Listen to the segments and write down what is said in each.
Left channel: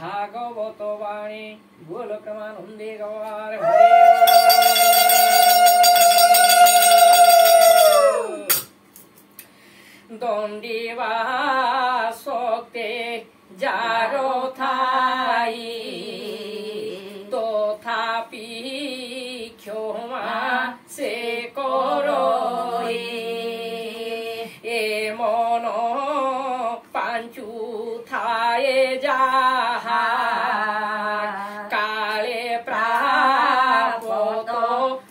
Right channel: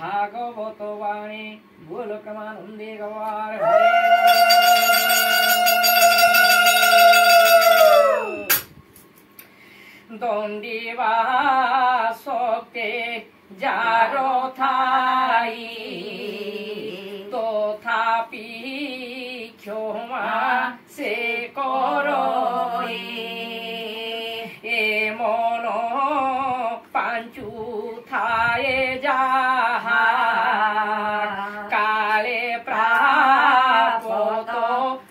भागवत वाणी बोल क्रमानंदे गवार दंडीवा शक्ति जारो थाई तथापि क्षमा से करई ए मन पांचु थाए जाहा काले प्राप्त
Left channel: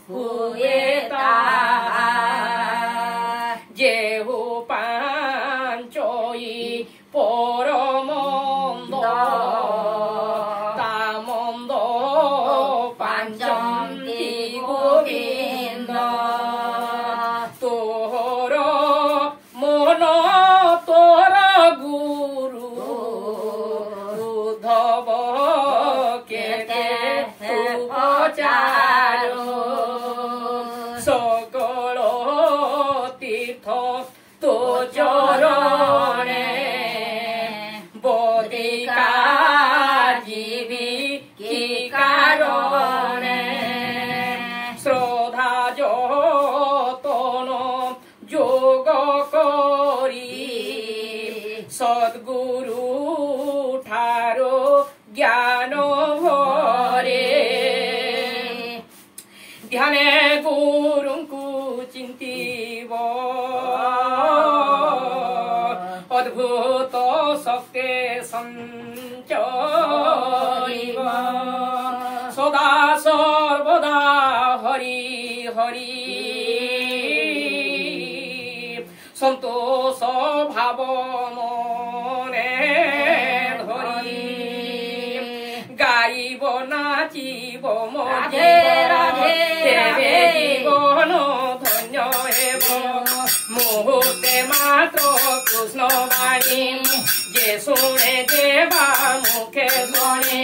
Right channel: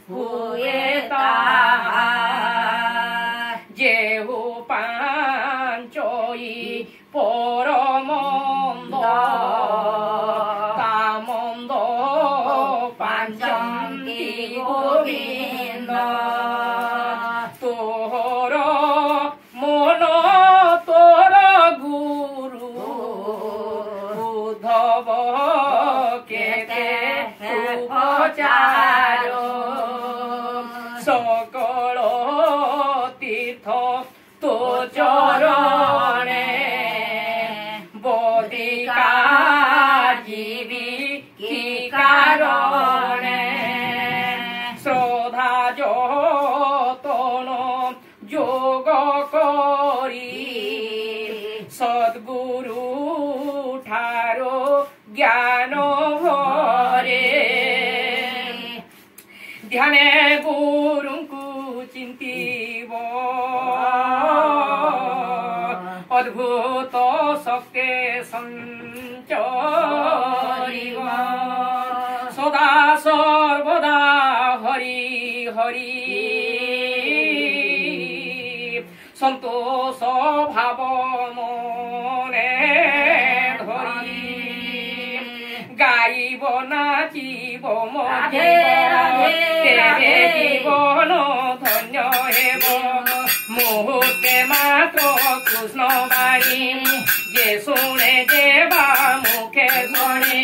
हुए ताहा जेहु पांचई परमंद तामंद पांचंती गोविंद तोहर मन तोर गुरु उद्धव केते उपचार सकल तीर्थ तो चरणे बदिकार जीवी की कारणे श्रद्धा जतन जोग करी सद्गुरु ठारो ज्ञान भरे ध्याने गुरु को चिंतीब अद्भुत शक्ति संचरिब सदा सर्वदा हरि हरि संतोष भाव मने धरि गाइब नाचिब तेरे जीवन धन्य हेब मुहूर्ते मात्र कृष्ण बाणी जे शुणे देवा मुखे शुणे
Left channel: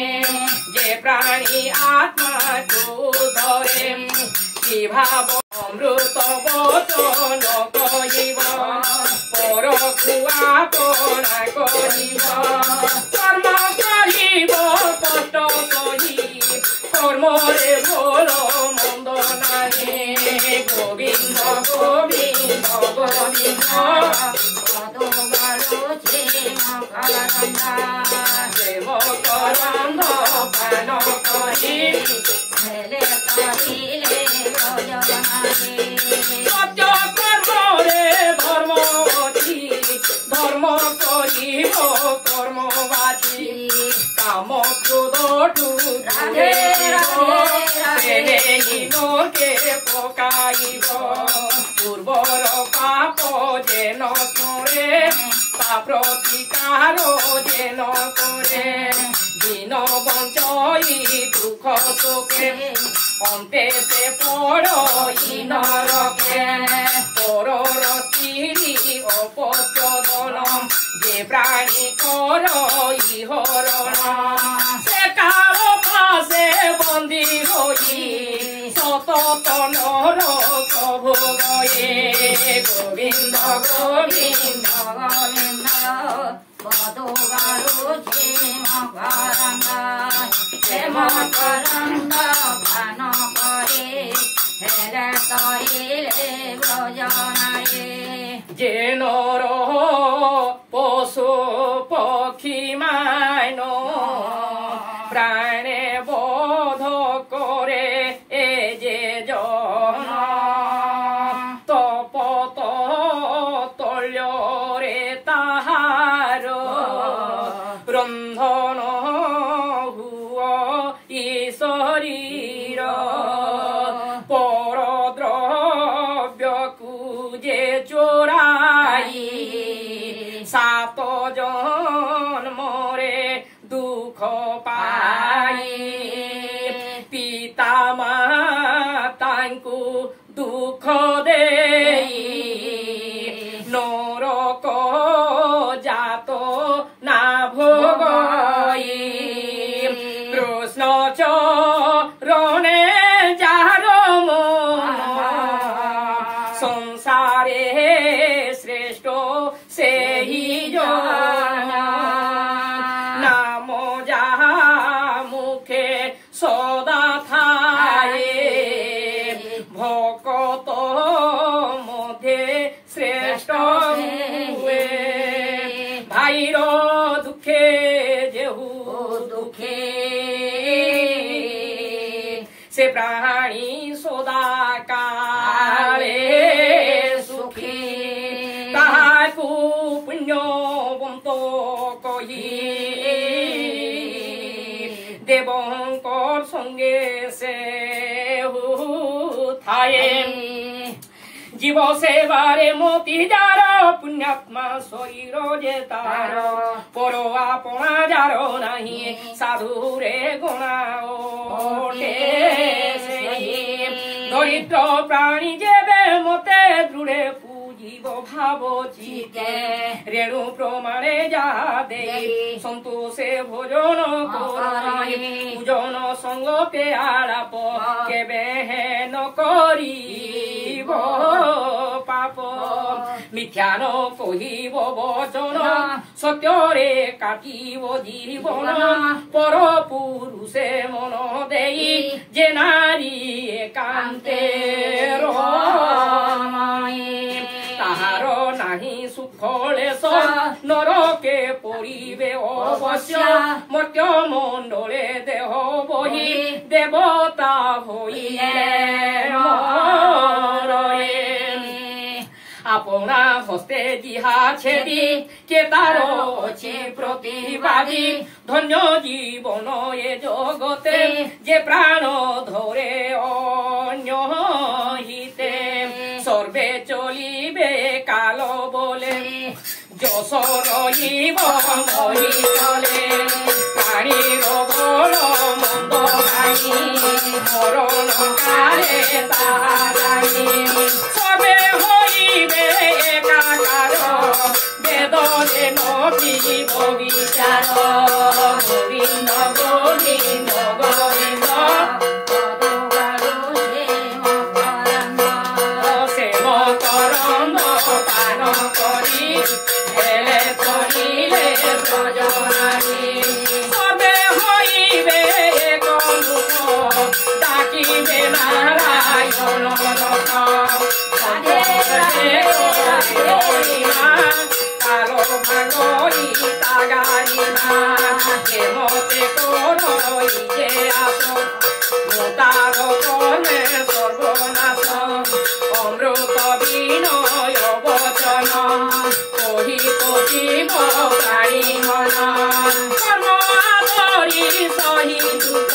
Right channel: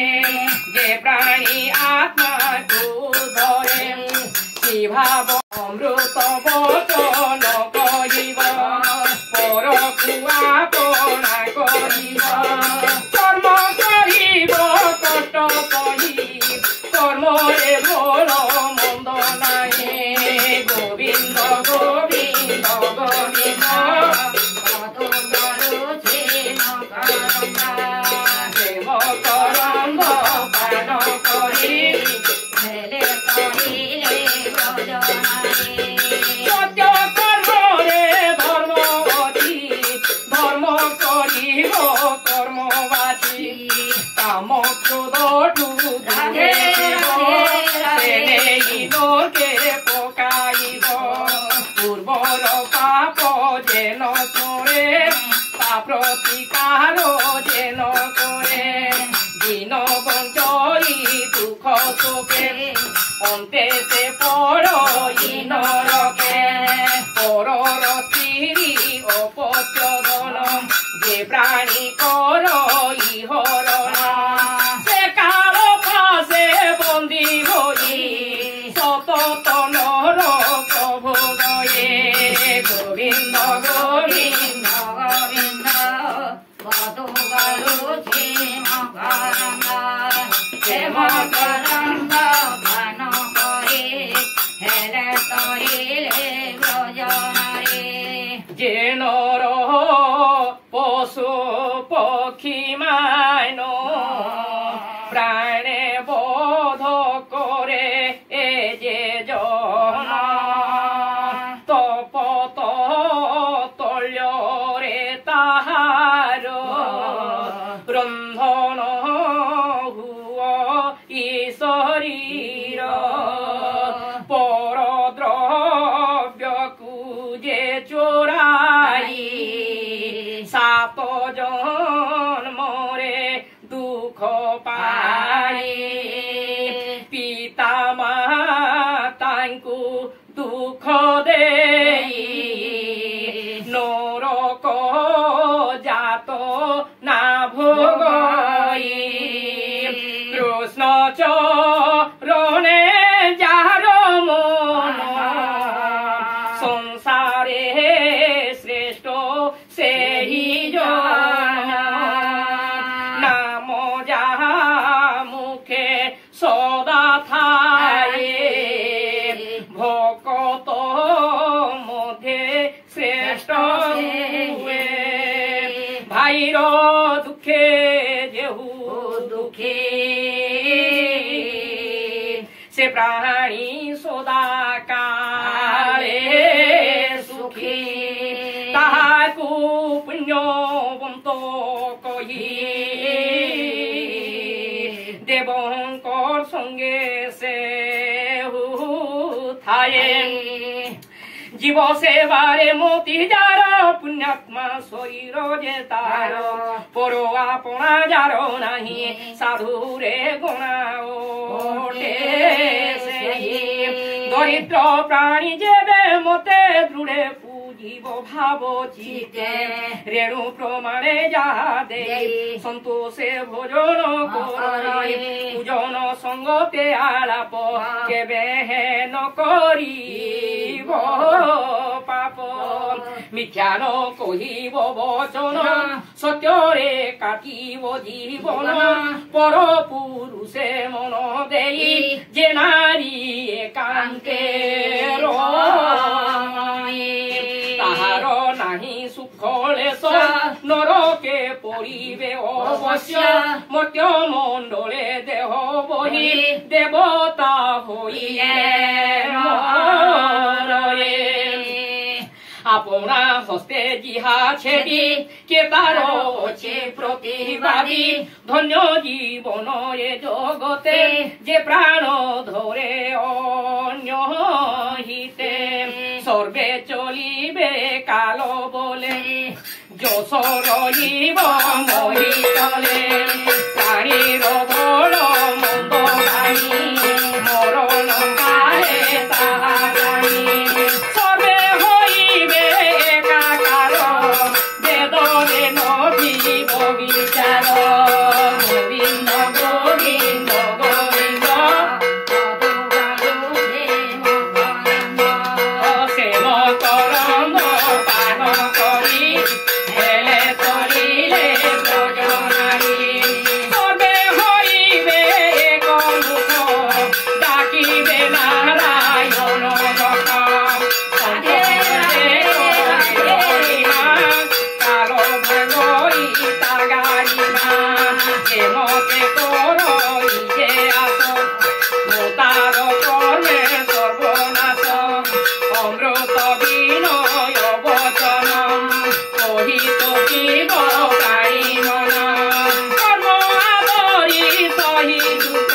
जे प्राणी आत्मा को धरे कि भाव अमृत वचन कहिब परकु आपना करिब कर्म करिब कष्ट सही कर्मरे भोल मंद नाहि गोविंद गोविंद गोविंद देव करंद पान करी सत्य कर्मरे धर्म अछि धर्म करिब कर्मवाची काम क्रोध नोके पकाइब पूर्वर पाप जेन करे प्रतिकार जेन करे दिन बंचई दुख शोके अन्ते से पड़ई नरके परर स्त्री अपत्यदन जे प्राणी करई हरण से काल पासे बंदी होई सतत नरक भोगये गोविंद गोविंद गोविंद बधुगारु क्षेम करंग भान करे हेले तरिले ब्रजनारे जे नर पशु पक्षी मान प्राणे बोध करे ए जे जन तपत तल्यरे ताहार रंधन हुआ शरीर परद्रव्य कुजे चोराई सात जन्मरे दुख पाई पिता मातांकु दुख देई नरक जात ना भोगई कृष्ण चरणे जार मन संसारे श्रेष्ठ से ही जन नाम जा ଦୁଃଖେ ଯେହୁ ଦୁଃଖେ ସେ ପ୍ରାଣୀ ସଦା କାଳେ ସୁଖୀ ତାହାକୁ ପୁଣ୍ୟବନ୍ତ କହି ଦେବଙ୍କର ସଙ୍ଗେ ସେ ଥାଏ জীব সেবারে মতি যার পুণ্যাত্মা শরীর যে তার পর আপনা যার নাহি সাধুরে গণা ওঠে দরিদ্র প্রাণী যেবে মতে দৃঢ়ে পুজিব ভাব চিতে রেণু প্রমাণে যাহা দেই সন্তোষে ভোজন করি পূজন সঙ্গতে আলাপ কেবে হেন করিব পাপ মিথ্যা ন কহিব বচন সত্যরে কাটিব জীবন পর পুরুষে মন দেই যে নারী একান্তে তাহার নাহি সুখ লেশ নরকে পড়িবে অবশ্য মর্ত্য মণ্ডলে দেহ বহি দেবতা হইলে আপনা হস্তে জিহা ছেদি কে তার অছি প্রতিবাদী ধন্য জীবন এ জগতে যে প্রাণ ধরে অন্য হিতে সর্বে চলিবে কাল বলে যশ রহিব মহি চলে প্রাণীর বড় মন্দ গাই মরণ কালে তাহা গাই সবে হইবে একাকার বেদনে নদীব বিচার গোবিন্দ গোবিন্দ গোবিন্দ সেব করম পান করি হেলে তরিলে ব্রজনারী সবে হইবে এক মুখ ডাকিবে নারায়ণ কালো ভাঙরি তাগারি মা মতে করই যে আস মোতার কর্মে সর্বনাশ অমৃত বিনয় বচন কহিত জীব গাই মন কর্ম আদরি সহি দুঃখ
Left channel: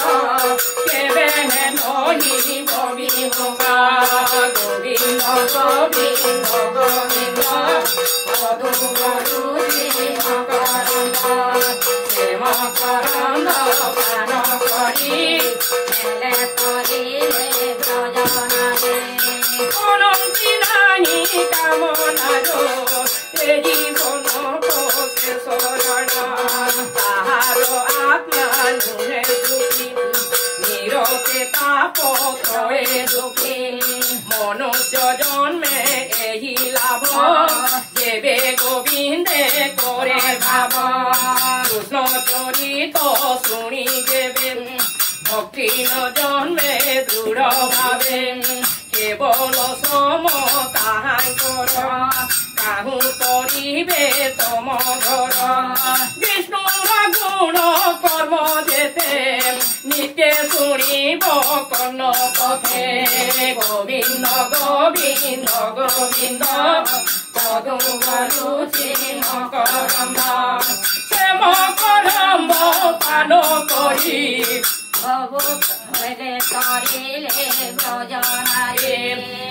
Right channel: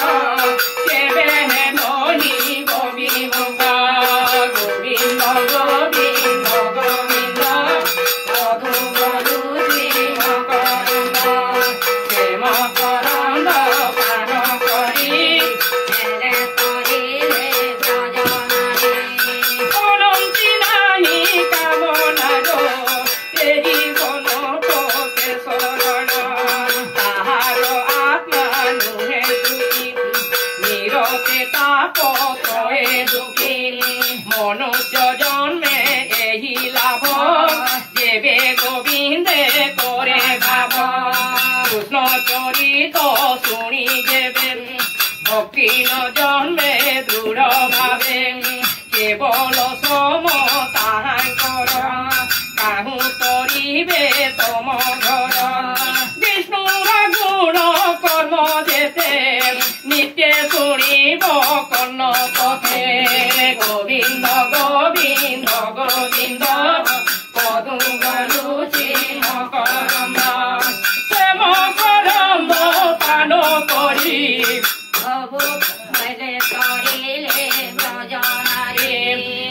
কেবে নহিব বিমুখ গোবিন্দ গোবিন্দ গোবিন্দ মধু গরু জীব করন্দ প্রেম করন্দ পান করি হেলে তরিলে ব্রজনারী অনন্তি নাহি কামনা গো এ জীবন তোকে শরণ তাহার আত্মা নুহে সুখী নিরতে তাপ ত্রয়ে দুঃখী মনুষ্য জন্মে এই লাভ যেবে গোবিন্দে করে ভাব কৃষ্ণ চরিত শুনি যেবে ভক্তি ন জন্মে দৃঢ় ভাবে কেবল সম তাহাঙ্কর কাহু তরিবে তম ঘর বিষ্ণুর গুণ কর্ম যেতে নিত্যে শুনিব কর্ণ পথে গোবিন্দ গোবিন্দ গোবিন্দ পদু গরুচি মকরম্ব প্রেম করম্ব পান করি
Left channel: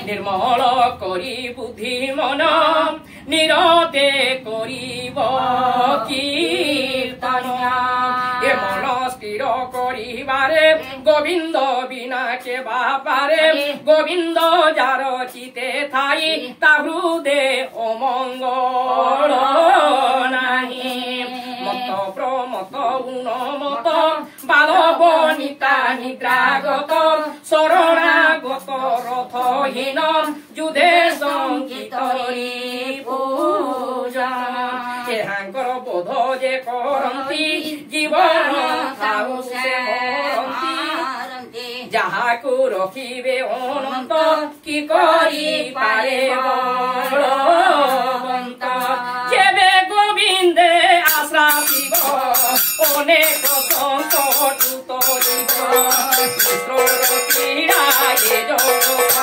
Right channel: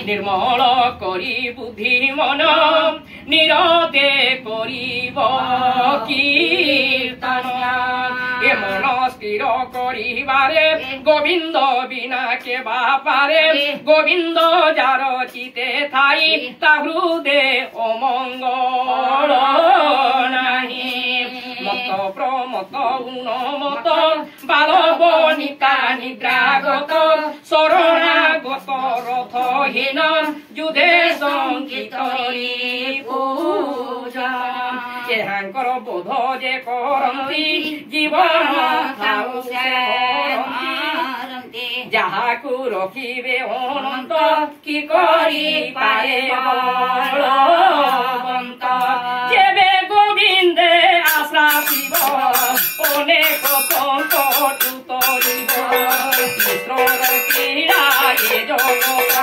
নির্মল করি বুদ্ধি মন নিরতে করিব কীর্তন এ মন স্থির করিবারে গোবিন্দ বিনা কে বাপারে গোবিন্দ যার চিতে থাই তা হৃদে অমঙ্গল নাহি মত প্রমত গুণমত বালবনিকা নিদ্রাগত শরণাগত রথহীন যুধে সঙ্গীত পূজা এহাঙ্কর বোধ যে করন্তি জীবন ଥାଉ ସେ ମରନ୍ତି ଯାହାକୁ ରଖିବେ ଅନନ୍ତ କି କରିପାରେ ବଳବନ୍ତ ଯେବେ ଗୋବିନ୍ଦେ ଆଶ୍ରା ଶିବ ଅନେକ ସଙ୍କଟ ତରିବ ଈଶ୍ୱର କ୍ରୀଡ଼ା ଏ ଜଗତ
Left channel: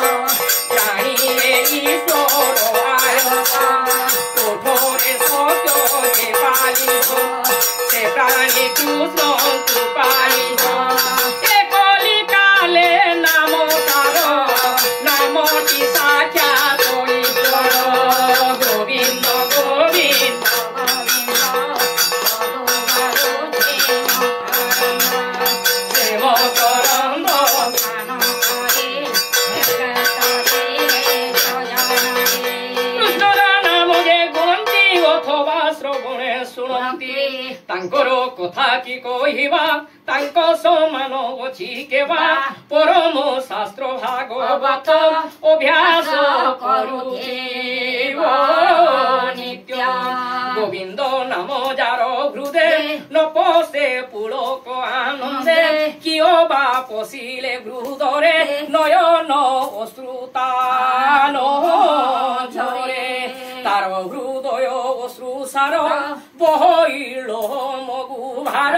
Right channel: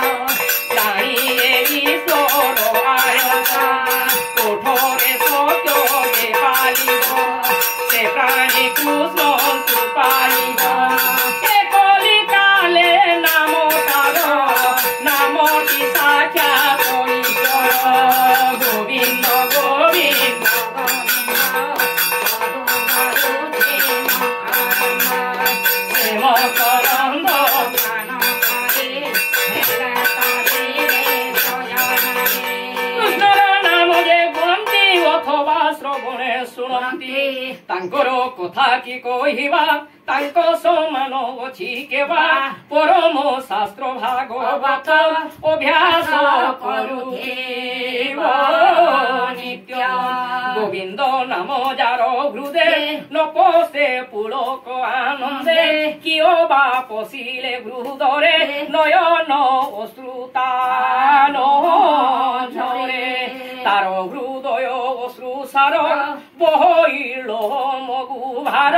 ଜାଣିଲେ ଈଶ୍ୱର ଆୟତ କୋଠରେ ସତ୍ୟ ଯେ ପାଳିବ ସେ ପ୍ରାଣୀକୁ ସନ୍ତୁ ପାଳିବ ଏ କଲିକାଲେ ନାମ ତାର ନାମଟି ସାକ୍ଷାତ ଈଶ୍ୱର ଗୋବିନ୍ଦ ଗୋବିନ୍ଦ ତାଙ୍କର କଥା କି କହିବା ତାଙ୍କ ସମାନ ଅଛି କେବା ପରମ ଶାସ୍ତ୍ର ଭାଗବତ ଅଭ୍ୟାସ କରୁଥିବ ନିତ୍ୟ ଗୋବିନ୍ଦ ନାମ ଯାର ହୃଦେ ନ ପଶେ ପୁଳକ ଆନନ୍ଦେ କିଓ ବା ପଶିଲେ ହୃଦରେ ନୟନ ଅଶ୍ରୁତାନ ଝରେ ତାର ହୃଦୟ ଅଶ୍ରୁସାର বহিল মগু ভার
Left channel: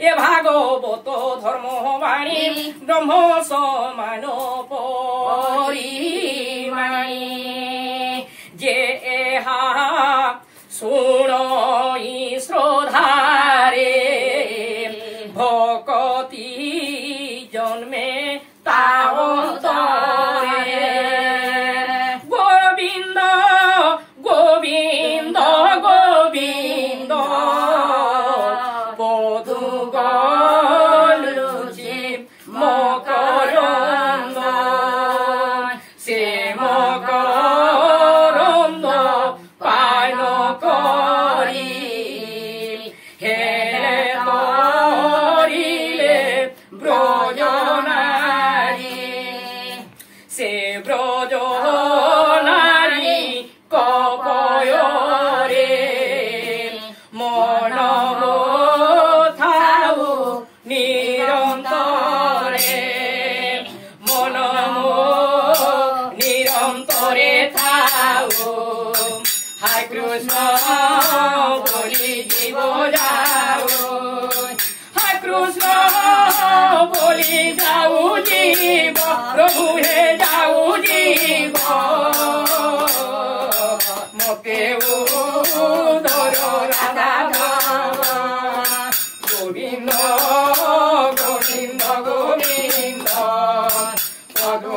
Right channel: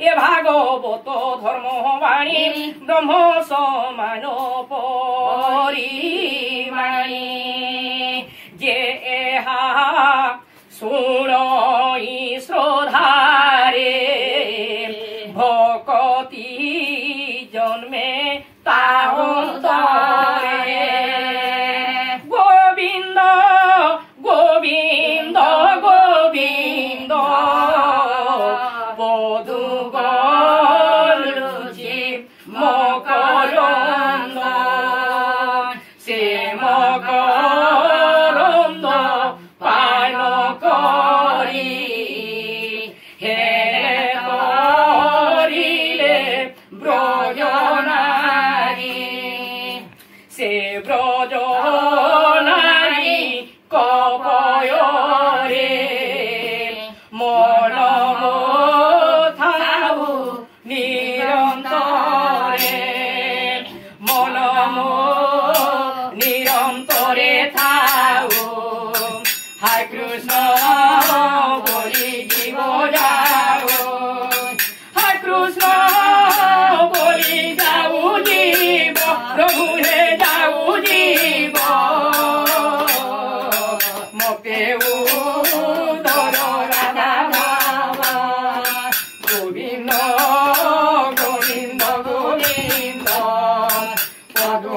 এ ভাগবত ধর্মবাণী ব্রহ্ম সমান পরিমাণী যে এহা শুণই শ্রদ্ধারে ভকতি জন্মে তাহরে গোবিন্দ গোবিন্দ গোবিন্দ বধু গলুচি মকরন্দ সে মকরন্দ পান করি হে করিলে ব্রজনারী সে ব্রজনারী কপয়রে মন থাউ নিরন্তরে মন নিরন্তরে থাউ হায় কৃষ্ণ বলি জীব যাও হায় কৃষ্ণ বলি যাও জীব প্রভু হে যাও জীব মতে গোবিন্দ গোবিন্দ গোবিন্দ পদু